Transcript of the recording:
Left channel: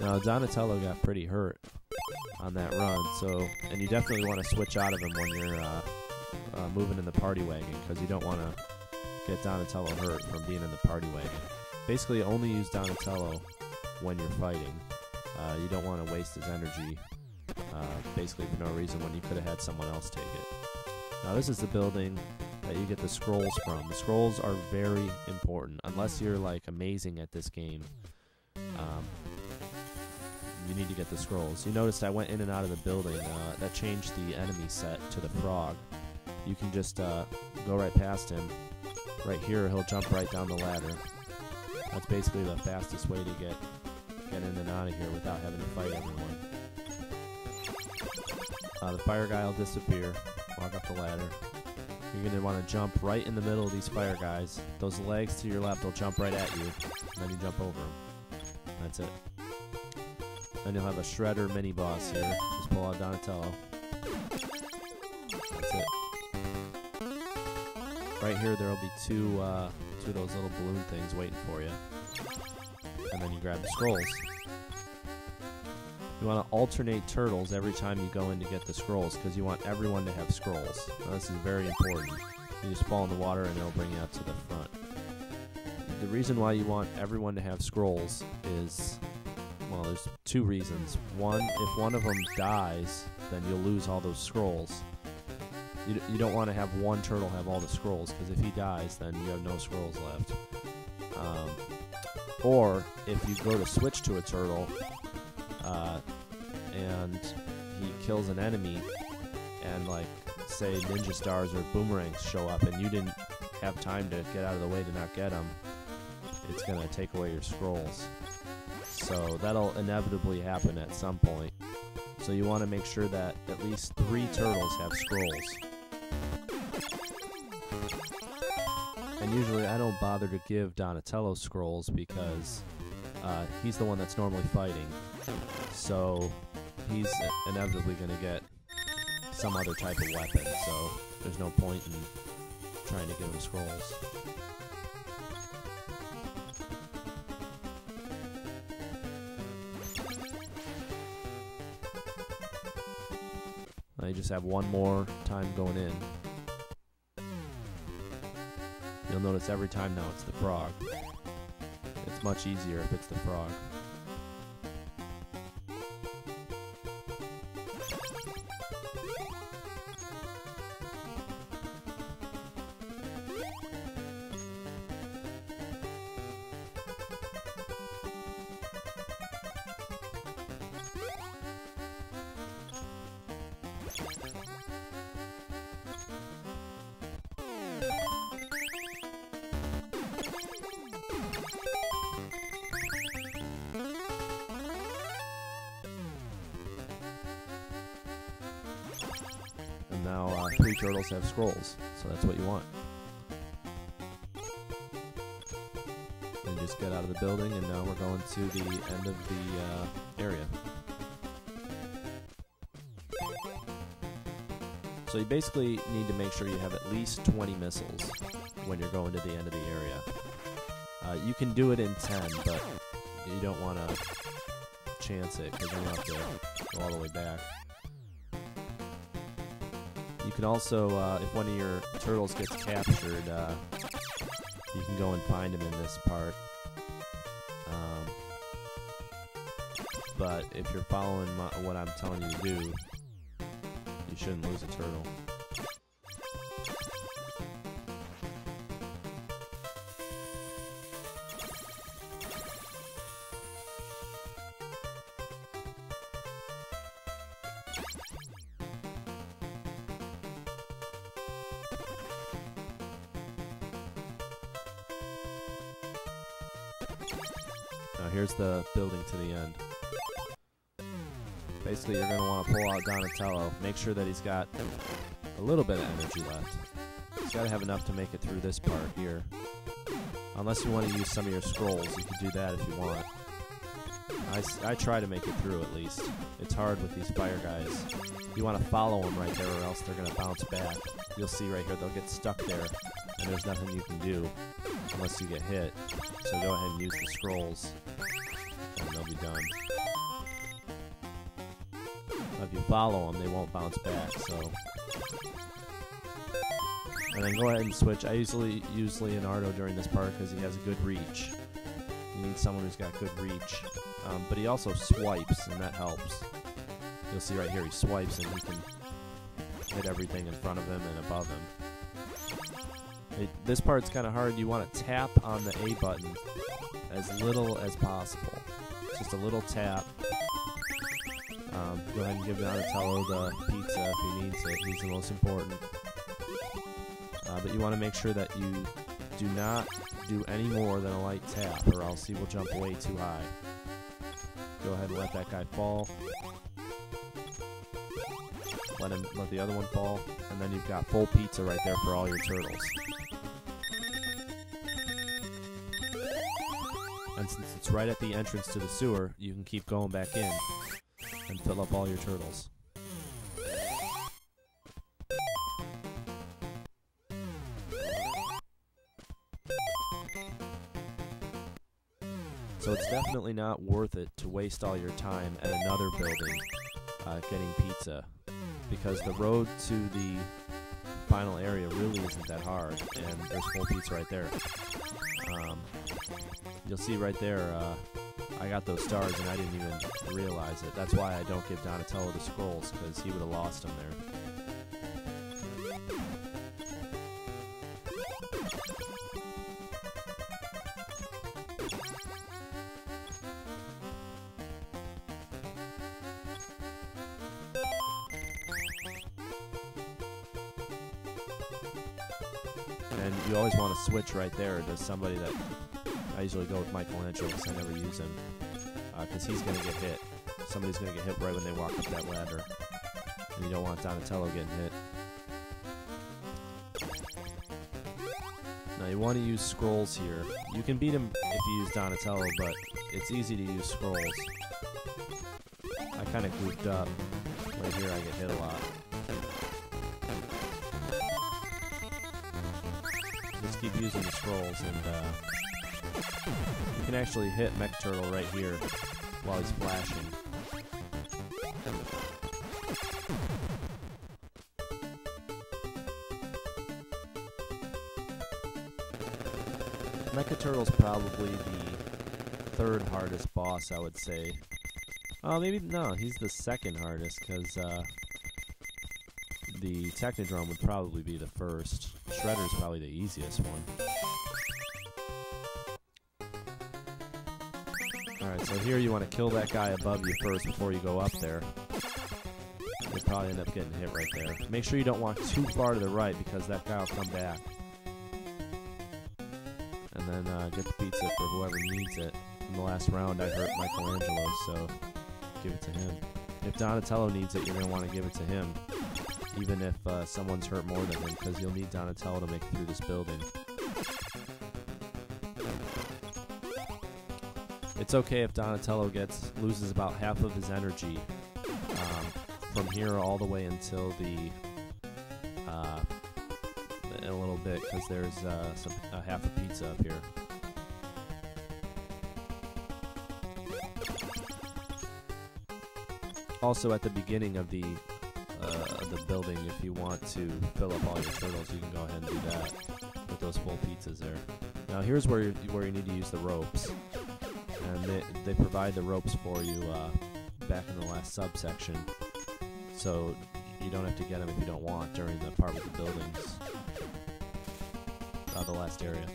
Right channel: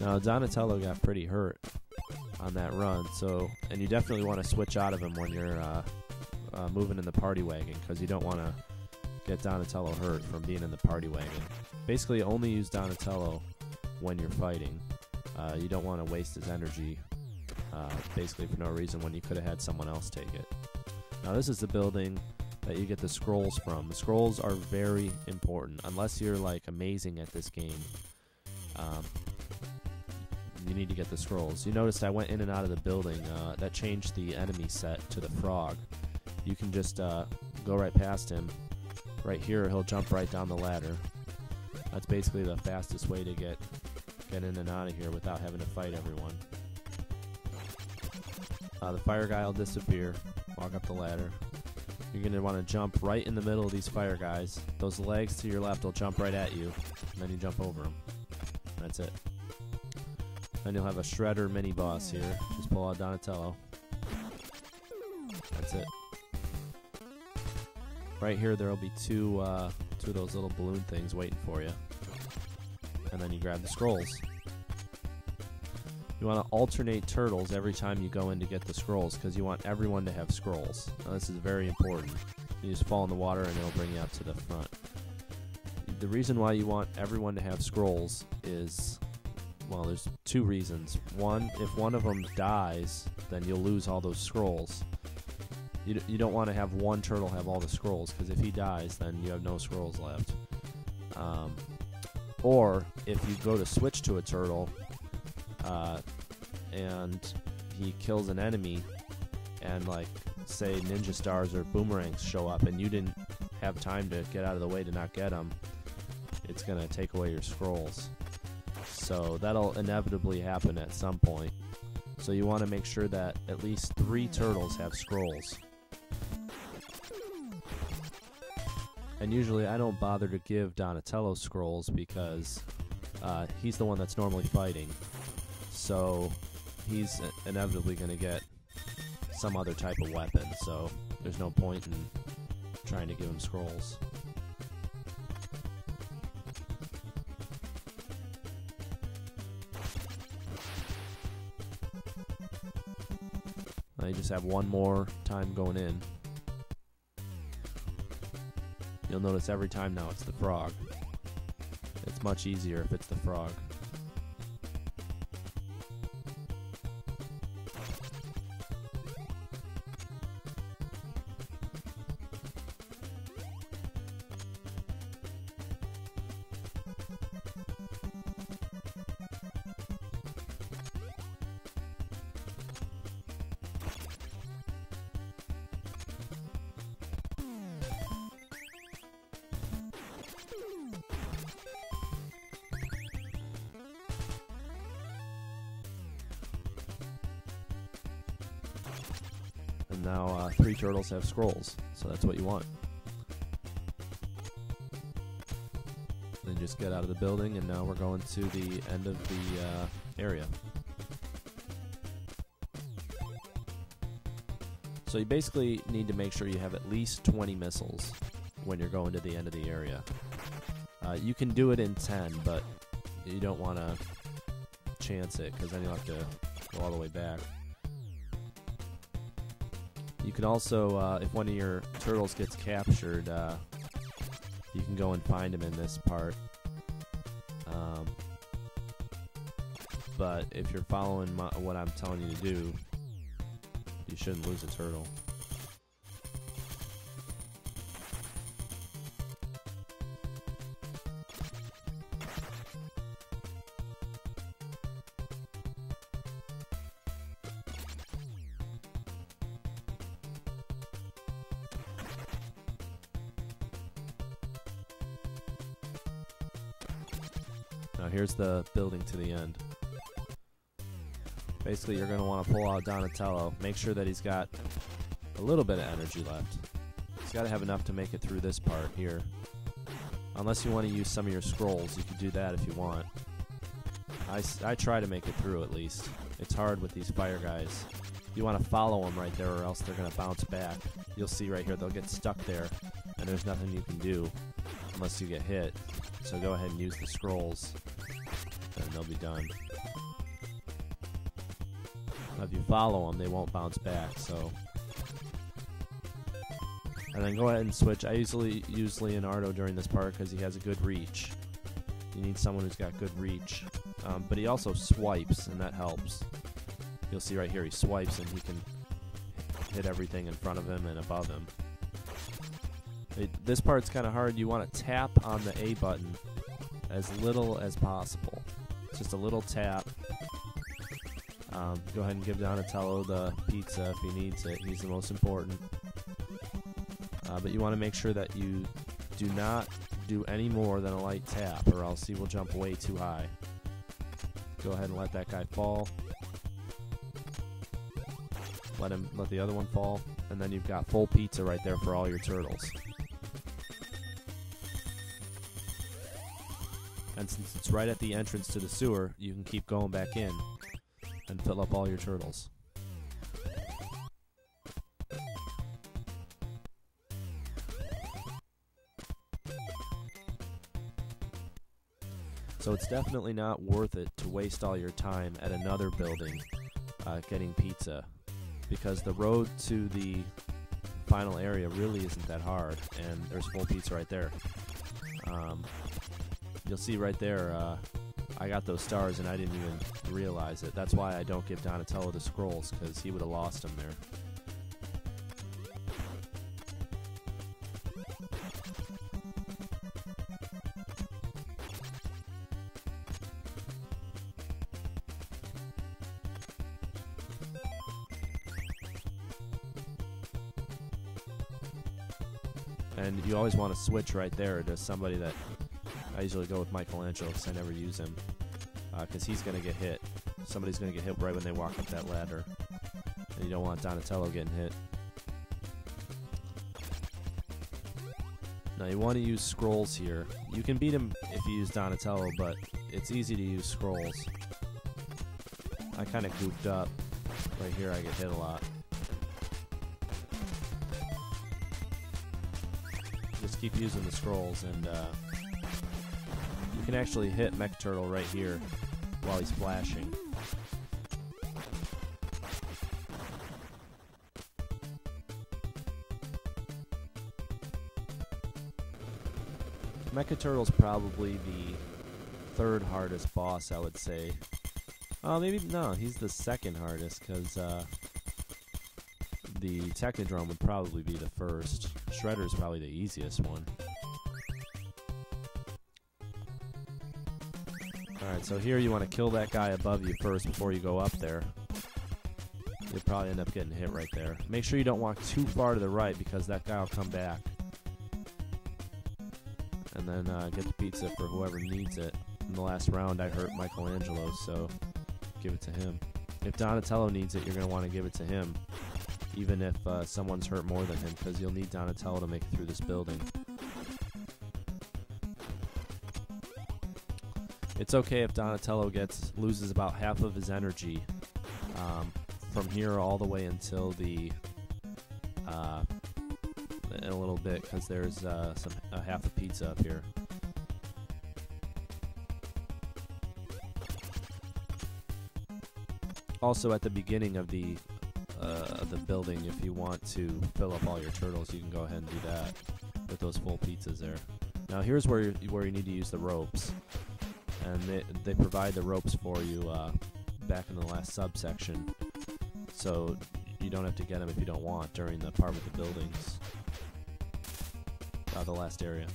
Now Donatello got pretty hurt on that run, and you definitely want to switch out of him when you're moving in the party wagon, because you don't want to get Donatello hurt from being in the party wagon. Basically, only use Donatello when you're fighting. You don't want to waste his energy basically for no reason when you could have had someone else take it. Now this is the building that you get the scrolls from. The scrolls are very important. Unless you're like amazing at this game, you need to get the scrolls. You noticed I went in and out of the building. That changed the enemy set to the frog. You can just go right past him. Right here, he'll jump right down the ladder. That's basically the fastest way to get in and out of here without having to fight everyone. The fire guy will disappear. Walk up the ladder. You're going to want to jump right in the middle of these fire guys. Those legs to your left will jump right at you, and then you jump over them. That's it. Then you'll have a Shredder mini-boss here. Just pull out Donatello. That's it. Right here there will be two of those little balloon things waiting for you. And then you grab the scrolls. You want to alternate turtles every time you go in to get the scrolls, because you want everyone to have scrolls. Now this is very important. You just fall in the water and it'll bring you out to the front. The reason why you want everyone to have scrolls is, well, there's two reasons. One, if one of them dies, then you'll lose all those scrolls. You don't want to have one turtle have all the scrolls, because if he dies, then you have no scrolls left. Or if you go to switch to a turtle, and he kills an enemy, and like say ninja stars or boomerangs show up, and you didn't have time to get out of the way to not get them, it's gonna take away your scrolls. So that'll inevitably happen at some point. So you want to make sure that at least 3 turtles have scrolls. And usually I don't bother to give Donatello scrolls because he's the one that's normally fighting. So he's inevitably going to get some other type of weapon, so there's no point in trying to give him scrolls. Now you just have one more time going in. You'll notice every time now it's the frog. It's much easier if it's the frog. And now 3 turtles have scrolls, so that's what you want. Then just get out of the building, and now we're going to the end of the area. So you basically need to make sure you have at least 20 missiles when you're going to the end of the area. You can do it in 10, but you don't want to chance it, because then you'll have to go all the way back. You can also, if one of your turtles gets captured, you can go and find him in this part. But if you're following what I'm telling you to do, you shouldn't lose a turtle. Now here's the building to the end. Basically, you're going to want to pull out Donatello. Make sure that he's got a little bit of energy left. He's got to have enough to make it through this part here. Unless you want to use some of your scrolls, you can do that if you want. I try to make it through at least. It's hard with these fire guys. You want to follow them right there, or else they're going to bounce back. You'll see right here, they'll get stuck there, and there's nothing you can do unless you get hit. So go ahead and use the scrolls, and they'll be done. If you follow them, they won't bounce back. So, and then go ahead and switch. I usually use Leonardo during this part because he has a good reach. You need someone who's got good reach, but he also swipes, and that helps. You'll see right here, he swipes, and he can hit everything in front of him and above him. This part's kind of hard. You want to tap on the A button as little as possible. Just a little tap. Go ahead and give Donatello the pizza if he needs it. He's the most important. But you want to make sure that you do not do any more than a light tap, or else he will jump way too high. Go ahead and let that guy fall. Let the other one fall, and then you've got full pizza right there for all your turtles. And since it's right at the entrance to the sewer, you can keep going back in and fill up all your turtles. So it's definitely not worth it to waste all your time at another building getting pizza, because the road to the final area really isn't that hard, and there's full pizza right there. You'll see right there, I got those stars and I didn't even realize it. That's why I don't give Donatello the scrolls, because he would have lost them there. And you always want to switch right there to somebody that... I usually go with Michelangelo because I never use him. Because he's going to get hit. Somebody's going to get hit right when they walk up that ladder. And you don't want Donatello getting hit. Now you want to use scrolls here. You can beat him if you use Donatello, but it's easy to use scrolls. I kind of goofed up. Right here I get hit a lot. Just keep using the scrolls, and you can actually hit Mech Turtle right here while he's flashing. Mecha Turtle's probably the third hardest boss, I would say. Maybe, no, he's the second hardest, because the Technodrome would probably be the first. Shredder's probably the easiest one. Alright, so here you want to kill that guy above you first before you go up there. You'll probably end up getting hit right there. Make sure you don't walk too far to the right, because that guy will come back. And then get the pizza for whoever needs it. In the last round I hurt Michelangelo, so give it to him. If Donatello needs it, you're going to want to give it to him, even if someone's hurt more than him, because you'll need Donatello to make it through this building. It's okay if Donatello loses about half of his energy from here all the way until the in a little bit, because there's a half a pizza up here. Also, at the beginning of the building, if you want to fill up all your turtles, you can go ahead and do that with those full pizzas there. Now here's where you need to use the ropes, and they provide the ropes for you back in the last subsection, so you don't have to get them if you don't want during the part with the buildings, the last area.